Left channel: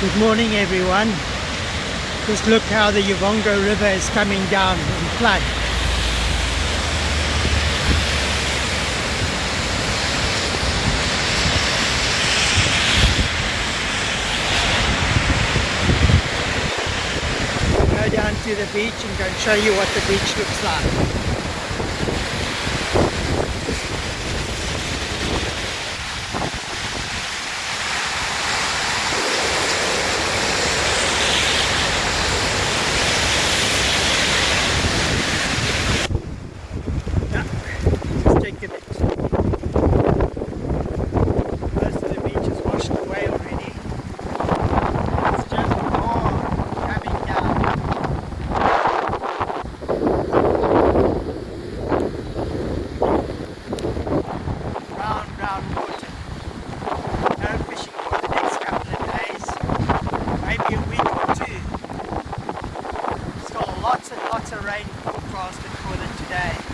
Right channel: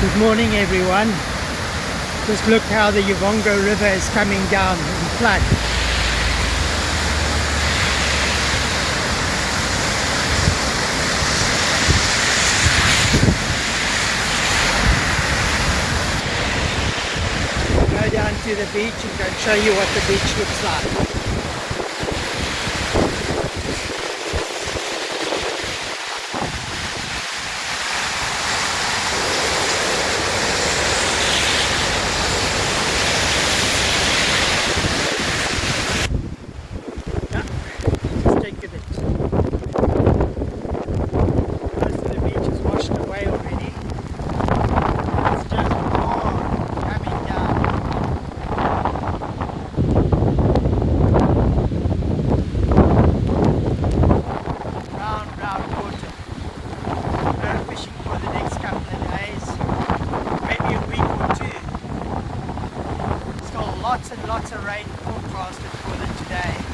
Good morning everyone. Just look how the Uvongo river is coming down in flood. Go down to the beach and go and show you what the beach looks like. Yeah, just take a look. Most of the beach is washed away already. It's just more coming down. Brown water. No fishing for the next couple of days. Maybe a week or two. Still lots and lots of rain forecasted for today.